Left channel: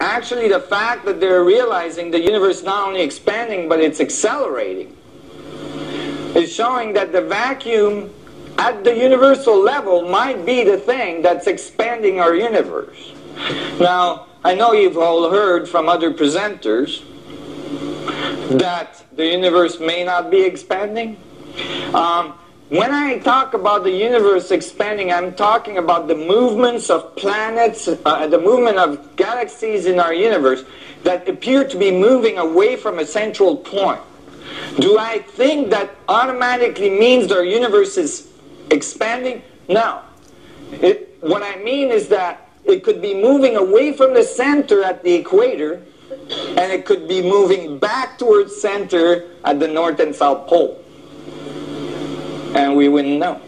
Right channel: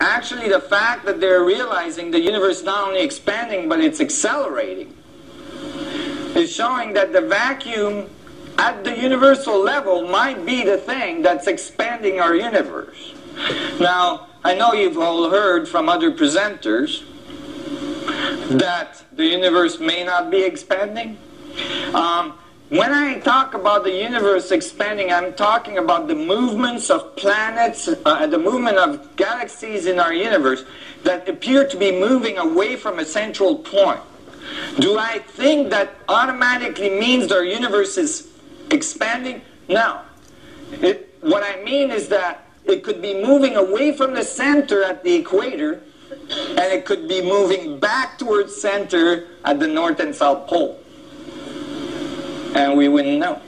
actually the fact that they're realizing the universe is not only expanding, but it's accelerating, is showing that the vacuum at the universal level might be the thing that's expanding our universe. Now, I know you've all heard from other presenters that the universe may not be expanding. When I talk about the universe expanding, I'm talking about the movements of planets, the movement of galaxies in our universe that appear to be moving away from a central point. Do I think that automatically means our universe is expanding? No. What I mean is that it could be moving away from the center at the equator, and it could be moving back towards center at the North and South Pole. And we wouldn't know.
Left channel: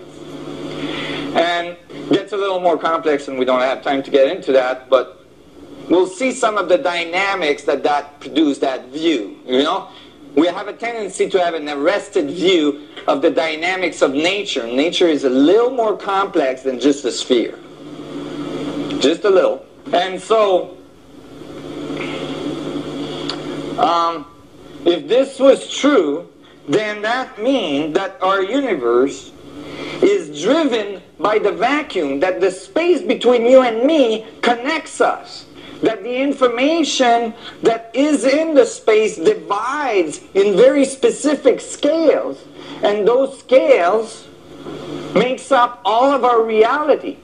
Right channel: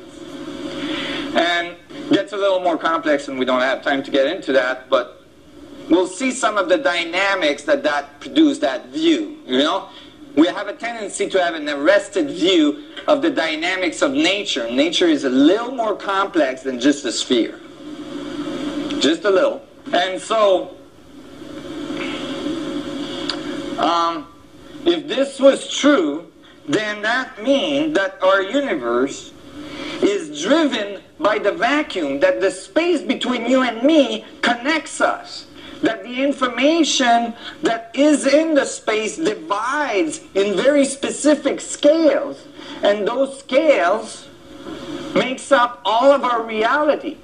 And it gets a little more complex, and we don't have time to get into that, but we'll see some of the dynamics that produce that view, you know? We have a tendency to have an arrested view of the dynamics of nature. Nature is a little more complex than just a sphere. Just a little. And so, if this was true, then that means that our universe is driven by the vacuum, that the space between you and me connects us, that the information that is in the space divides in very specific scales, and those scales makes up all of our reality,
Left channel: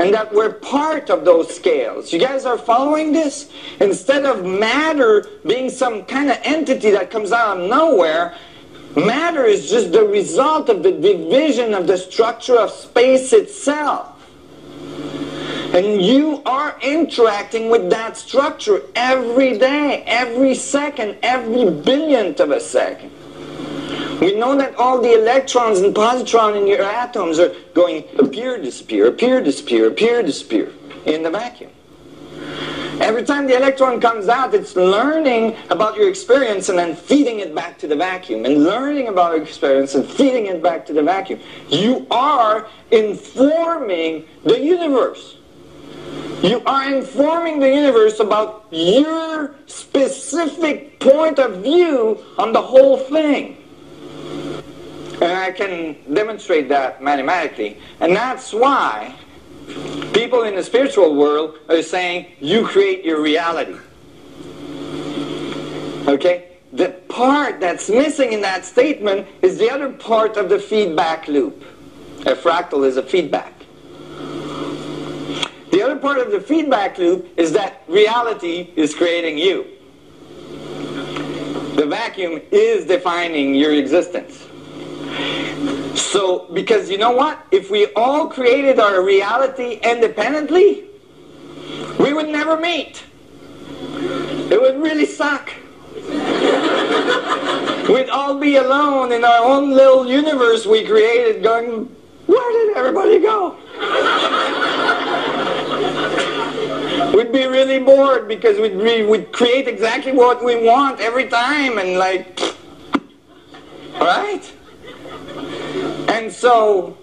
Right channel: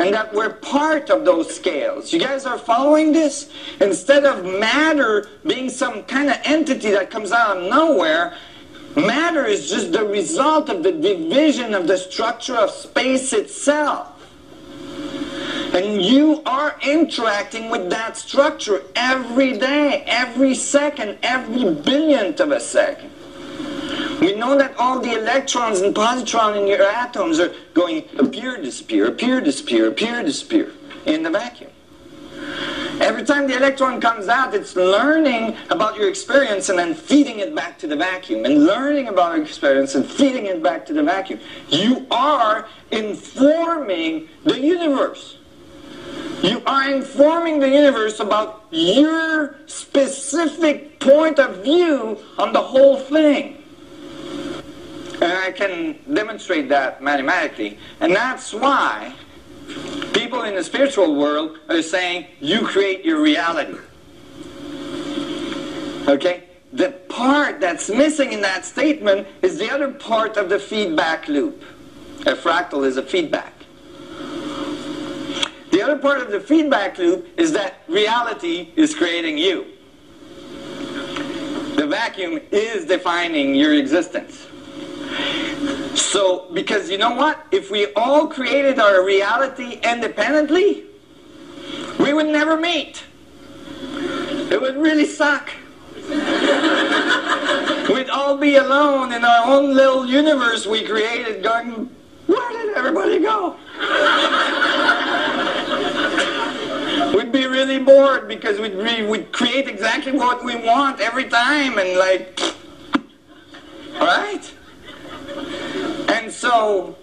and that we're part of those scales. You guys are following this? Instead of matter being some kind of entity that comes out of nowhere, matter is just the result of the division of the structure of space itself. And you are interacting with that structure every day, every second, every billionth of a second. We know that all the electrons and positrons in your atoms are going appear, disappear, appear, disappear, appear, disappear in the vacuum. Every time the electron comes out, it's learning about your experience and then feeding it back to the vacuum, and learning about your experience and feeding it back to the vacuum. You are informing the universe. You are informing the universe about your specific point of view on the whole thing. And I can demonstrate that mathematically. And that's why people in the spiritual world are saying, you create your reality. Okay? The part that's missing in that statement is the other part of the feedback loop. A fractal is a feedback. The other part of the feedback loop is that reality is creating you. The vacuum is defining your existence. So, because you know what? If we all created our reality independently, we would never meet. It would really suck. We'd all be alone in our own little universe we created going, where did everybody go? We'd be really bored because we'd create exactly what we want every time and like, right? And so,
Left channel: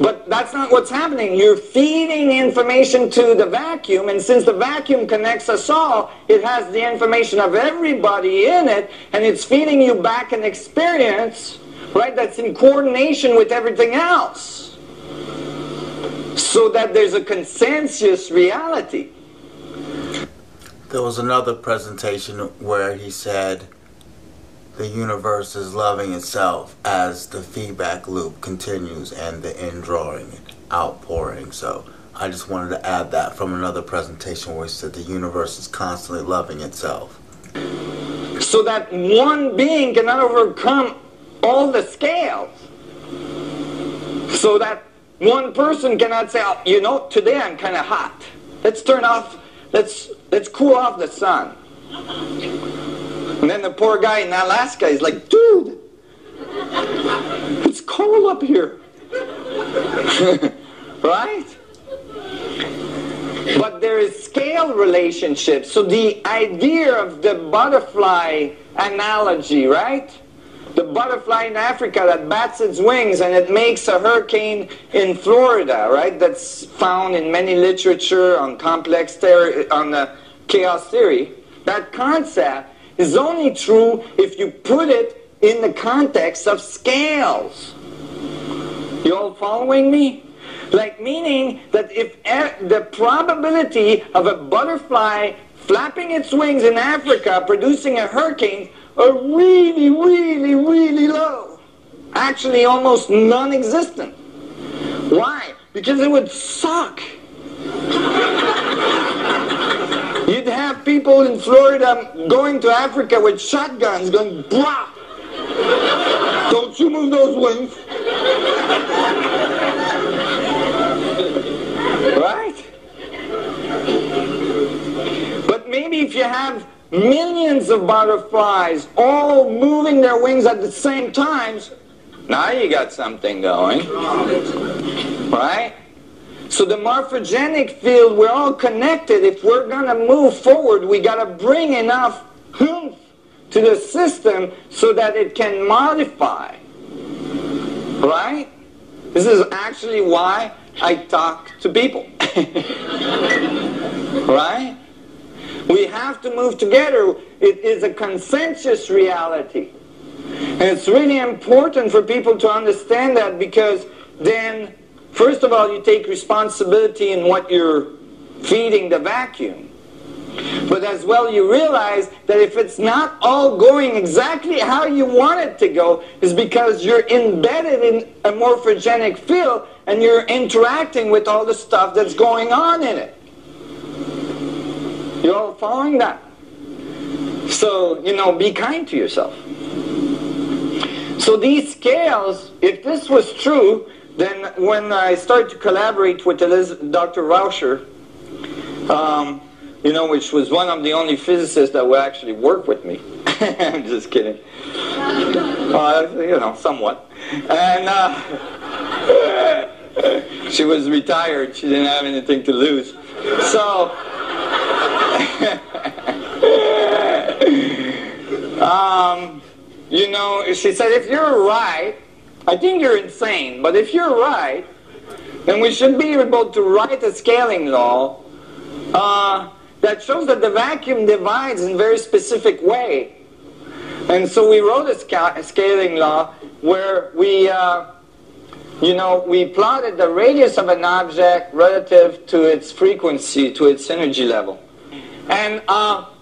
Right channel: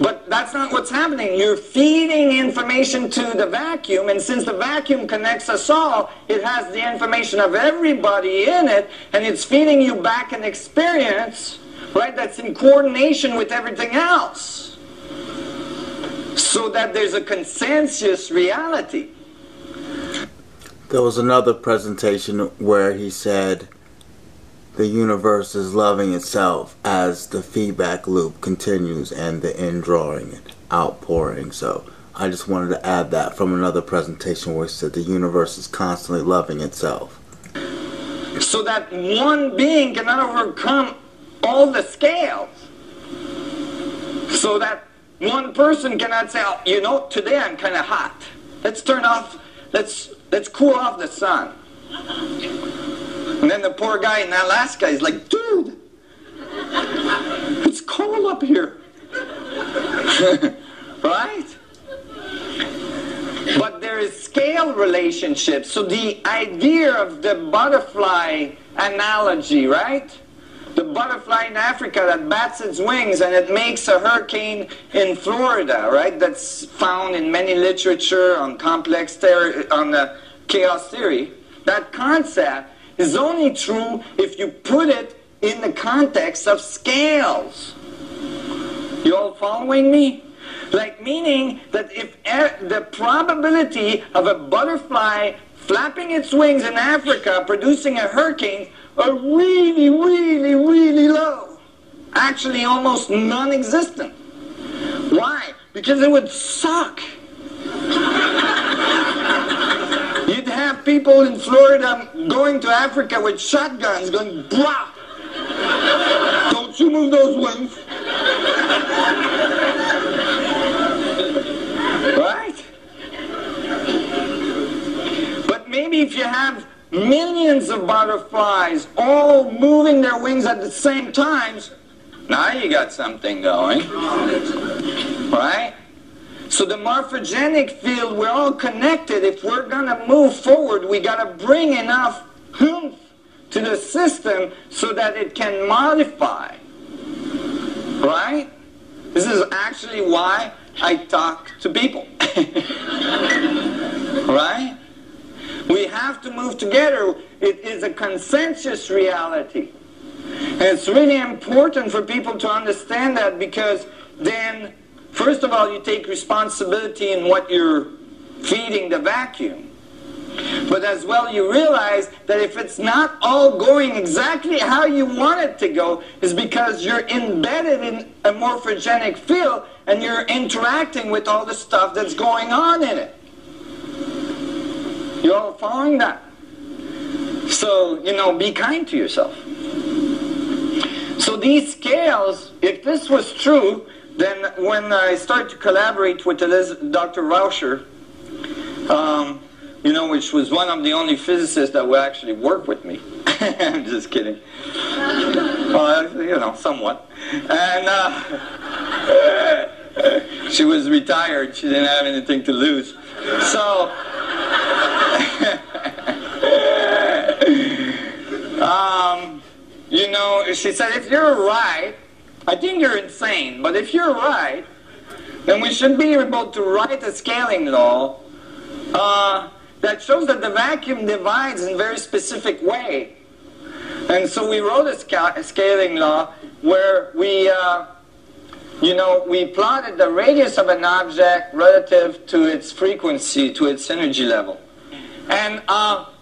but that's not what's happening. You're feeding information to the vacuum, and since the vacuum connects us all, it has the information of everybody in it, and it's feeding you back an experience, right, that's in coordination with everything else. So that there's a consensus reality. There was another presentation where he said the universe is loving itself as the feedback loop continues and the indrawing and outpouring. So I just wanted to add that from another presentation where he said the universe is constantly loving itself. So that one being cannot overcome all the scales. So that one person cannot say, oh, you know, today I'm kind of hot. Let's turn off, let's cool off the sun. And then the poor guy in Alaska is like, dude, it's cold up here. Right? But there is scale relationships. So the idea of the butterfly analogy, right? The butterfly in Africa that bats its wings and it makes a hurricane in Florida, right? That's found in many literature on complex on the chaos theory, that concept is only true if you put it in the context of scales. You all following me? Like, meaning that if the probability of a butterfly flapping its wings in Africa producing a hurricane are really, really, really low. Actually almost non-existent. Why? Because it would suck. You'd have people in Florida going to Africa with shotguns going, "Blah! Don't you move those wings." Right? But maybe if you have millions of butterflies all moving their wings at the same time, now you got something going. Right? So the morphogenic field, we're all connected. If we're going to move forward, we got to bring enough oomph to the system so that it can modify. Right? This is actually why I talk to people. Right? We have to move together. It is a consensus reality. And it's really important for people to understand that, because then, first of all, you take responsibility in what you're feeding the vacuum. But as well, you realize that if it's not all going exactly how you want it to go, is because you're embedded in a morphogenic field and you're interacting with all the stuff that's going on in it. You all following that? So, be kind to yourself. So these scales, if this was true, then when I started to collaborate with Dr. Rauscher, which was one of the only physicists that would actually work with me. I'm just kidding. Somewhat. And she was retired. She didn't have anything to lose. So, she said, if you're right, I think you're insane, but if you're right, then we should be able to write a scaling law that shows that the vacuum divides in a very specific way. And so we wrote a scaling law where we plotted the radius of an object relative to its frequency, to its energy level. And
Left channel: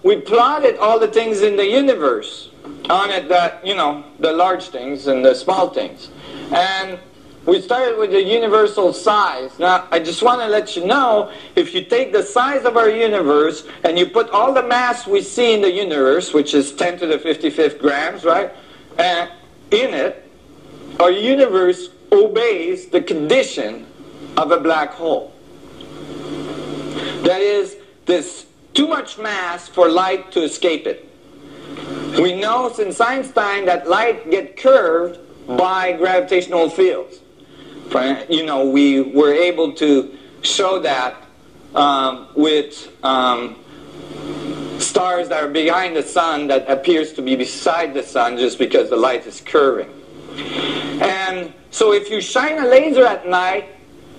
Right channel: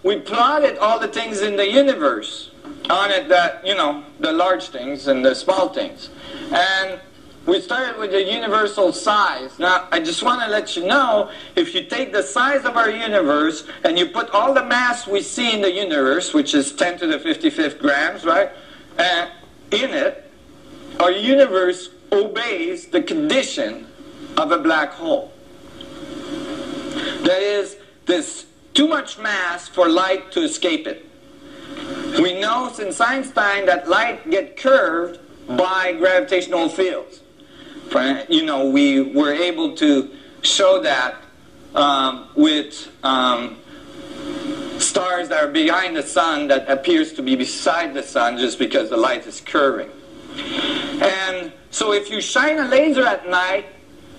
we plotted all the things in the universe on it, that, the large things and the small things. And we started with the universal size. Now, I just want to let you know, if you take the size of our universe and you put all the mass we see in the universe, which is 10 to the 55th grams, right, in it, our universe obeys the condition of a black hole. That is, there's too much mass for light to escape it. We know since Einstein that light gets curved by gravitational fields. We were able to show that with stars that are behind the sun that appears to be beside the sun just because the light is curving. And so if you shine a laser at night,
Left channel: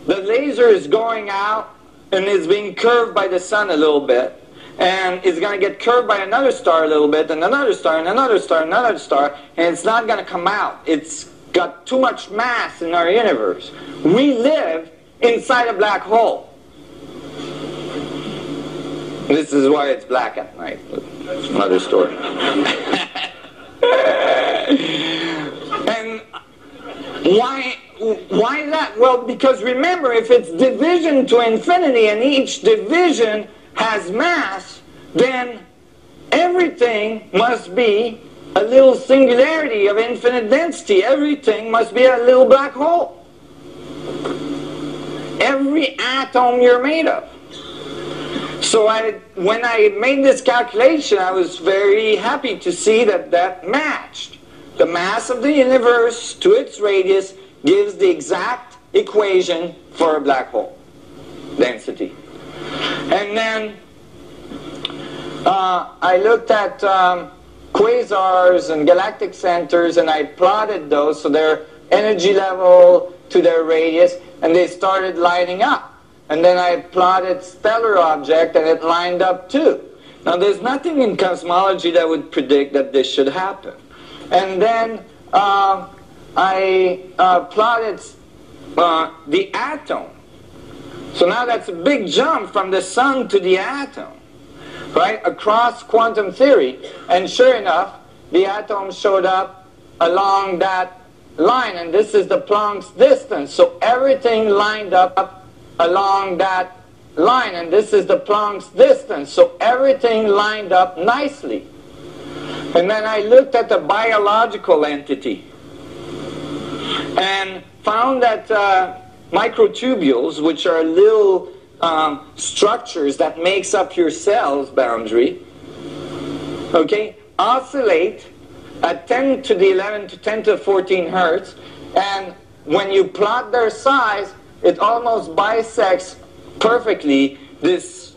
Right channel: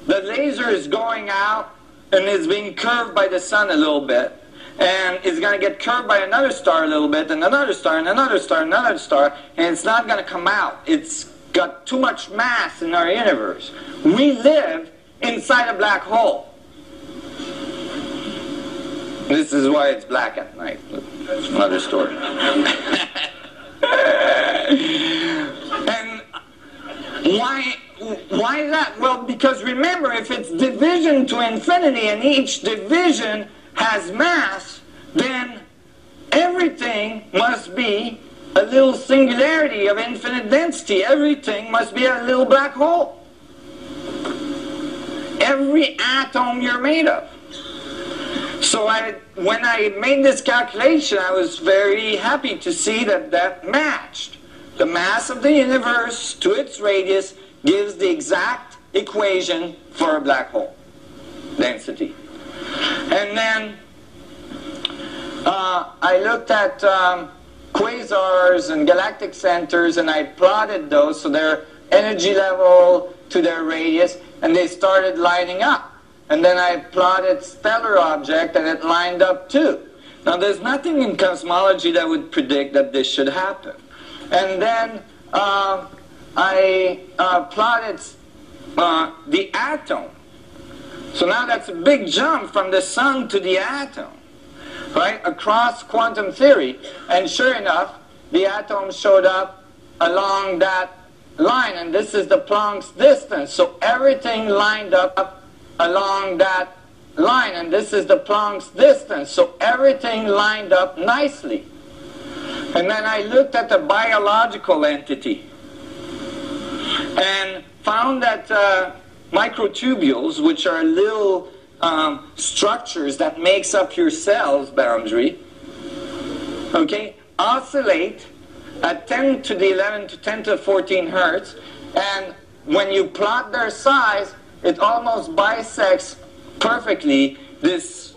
the laser is going out and is being curved by the sun a little bit. And it's going to get curved by another star a little bit, and another star, and another star, and another star, and it's not going to come out. It's got too much mass in our universe. We live inside a black hole. This is why it's black at night. But that's another story. And why is that? Well, because remember, if it's division to infinity, and each division has mass, then everything must be a little singularity of infinite density. Everything must be a little black hole. Every atom you're made of. So when I made this calculation, I was very happy to see that matched. The mass of the universe to its radius gives the exact equation for a black hole density. And then I looked at quasars and galactic centers, and I plotted those, so their energy level to their radius, and they started lining up. And then I plotted stellar object, and it lined up too. Now, there's nothing in cosmology that would predict that this should happen. And then I plotted the atom. So now that's a big jump from the sun to the atom, right, across quantum theory. And sure enough, the atom showed up along that line, and this is the Planck's distance. So everything lined up along that line, and this is the Planck's distance. So everything lined up nicely. And then I looked at the biological entity and found that microtubules, which are little structures that makes up your cell's boundary, okay, oscillate at 10 to the 11 to 10 to the 14 hertz, and when you plot their size, it almost bisects perfectly this,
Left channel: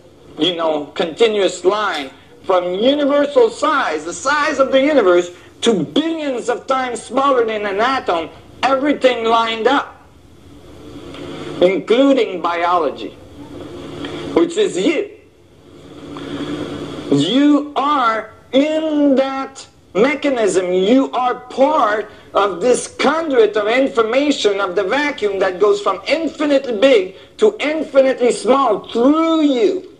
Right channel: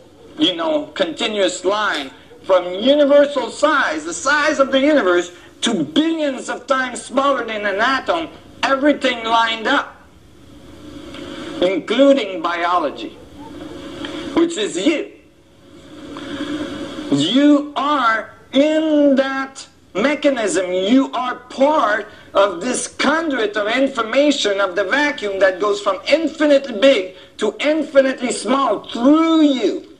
continuous line from universal size, the size of the universe, to billions of times smaller than an atom, everything lined up, including biology, which is you. You are in that mechanism. You are part of this conduit of information of the vacuum that goes from infinitely big to infinitely small through you.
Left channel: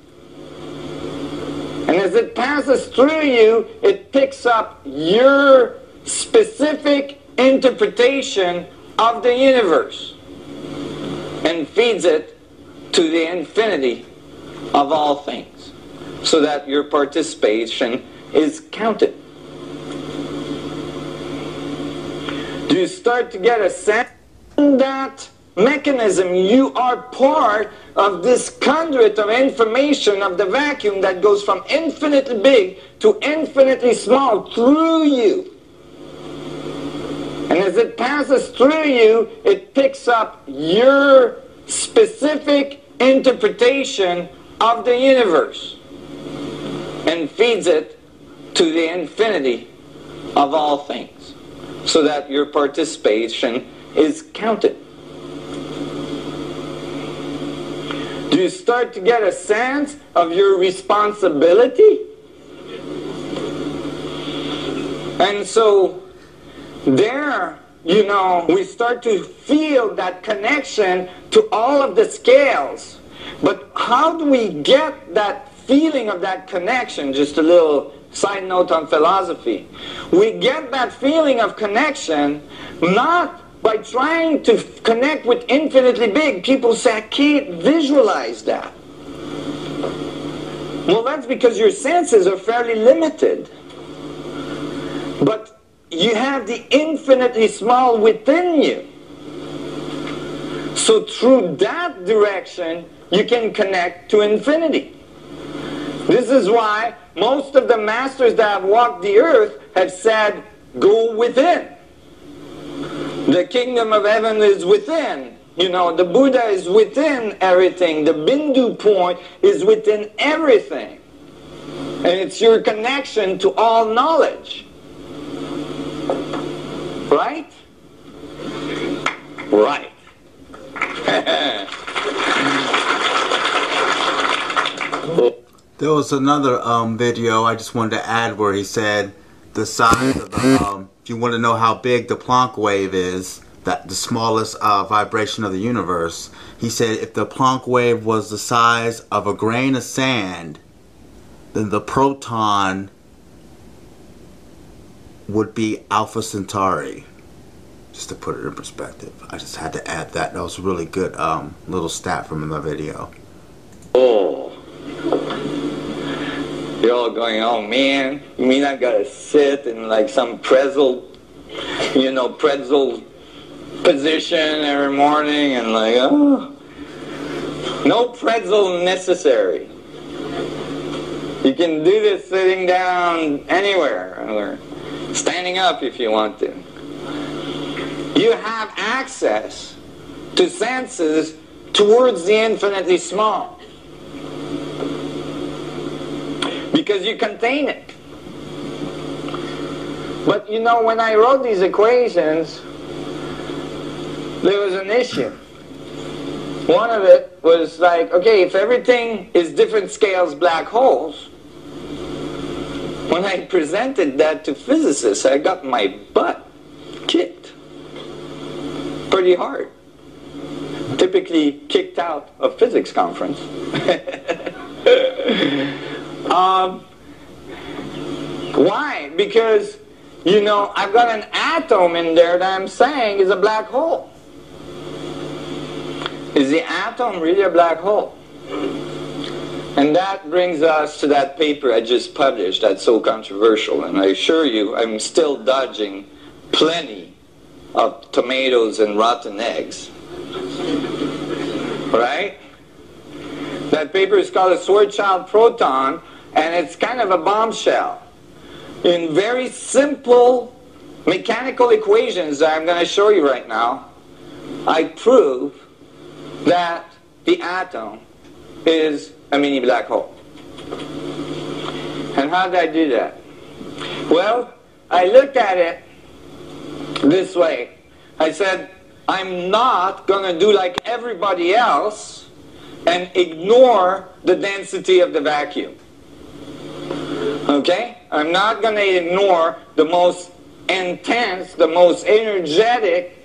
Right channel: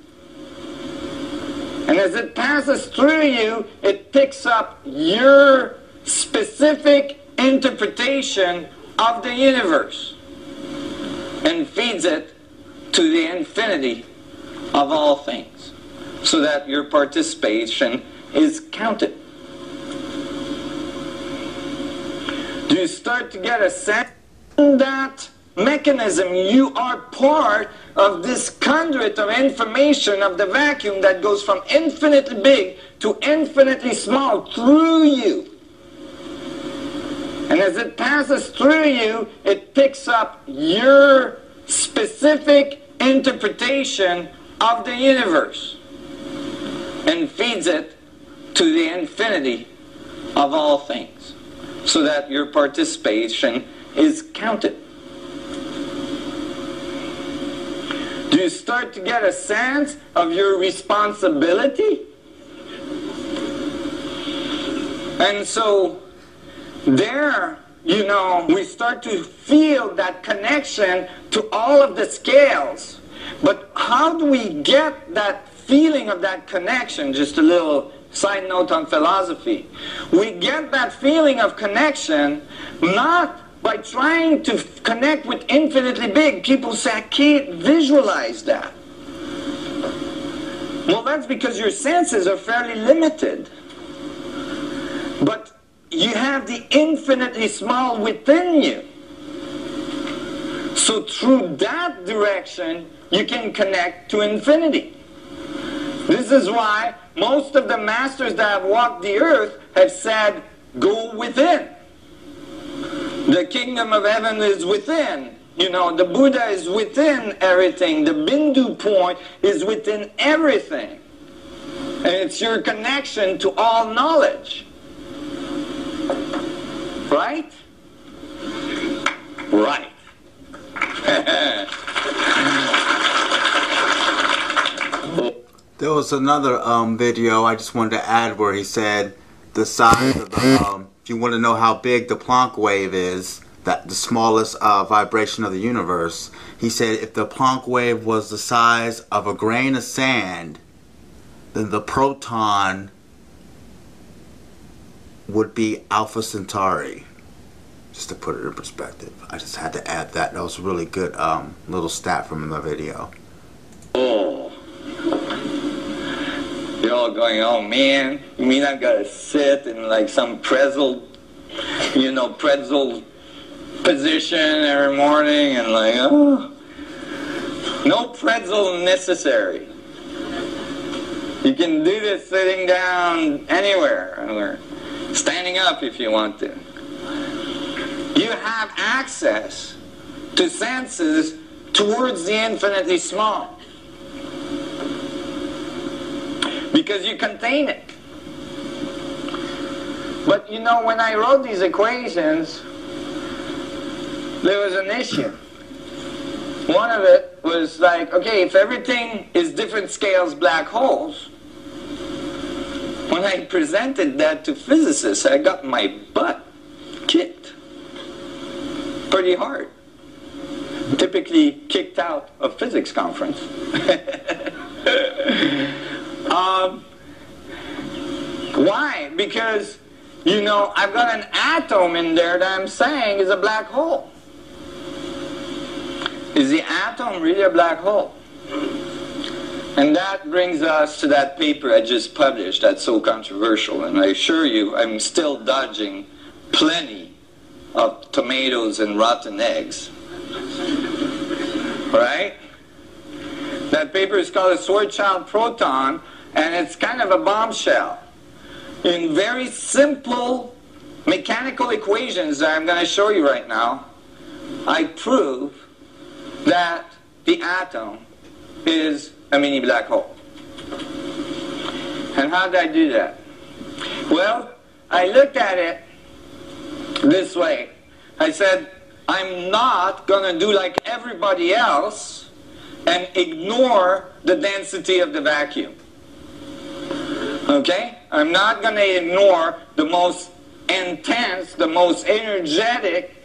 And as it passes through you, it picks up your specific interpretation of the universe and feeds it to the infinity of all things, so that your participation is counted. Do you start to get a sense in that mechanism? You are part of this conduit of information of the vacuum that goes from infinitely big to infinitely small through you. And as it passes through you, it picks up your specific interpretation of the universe and feeds it to the infinity of all things, so that your participation is counted. Do you start to get a sense of your responsibility? And so there, we start to feel that connection to all of the scales. But how do we get that feeling of that connection? Just a little side note on philosophy. We get that feeling of connection not by trying to connect with infinitely big. People say, I can't visualize that. Well, that's because your senses are fairly limited. But you have the infinitely small within you. So through that direction, you can connect to infinity. This is why most of the masters that have walked the earth have said, go within. The kingdom of heaven is within. The Buddha is within everything. The Bindu point is within everything. And it's your connection to all knowledge. Right? Right. There was another video I just wanted to add where he said the size of the, you want to know how big the Planck wave is, that the smallest vibration of the universe. He said if the Planck wave was the size of a grain of sand, then the proton would be Alpha Centauri. Just to put it in perspective. I just had to add that. That was a really good little stat from the video. Oh. You're all going, oh man, you mean I gotta sit in like some pretzel position every morning and like, oh. No pretzel necessary. You can do this sitting down anywhere, or standing up if you want to. You have access to senses towards the infinitely small. Because you contain it. But when I wrote these equations, there was an issue. One of it was like, okay, if everything is different scales black holes, When I presented that to physicists, I got my butt kicked pretty hard. Typically kicked out of physics conference. Why? Because, you know, I've got an atom in there that I'm saying is a black hole. Is the atom really a black hole? And that brings us to that paper I just published that's so controversial. And I assure you, I'm still dodging plenty of tomatoes and rotten eggs. Right? That paper is called a Schwarzschild proton, and it's kind of a bombshell. In very simple mechanical equations that I'm going to show you right now, I prove that the atom is a mini black hole. And how did I do that? Well, I looked at it this way. I said, I'm not going to do like everybody else and ignore the density of the vacuum. Okay? I'm not going to ignore the most intense, the most energetic,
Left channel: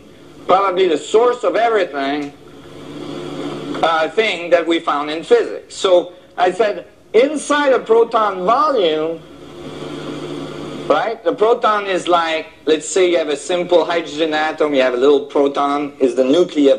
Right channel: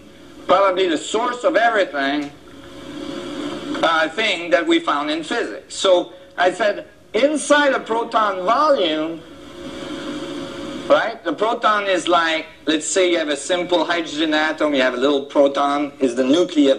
probably the source of everything, thing that we found in physics. So I said, inside a proton volume, right? The proton is like, let's say you have a simple hydrogen atom, you have a little proton, is the nucleus.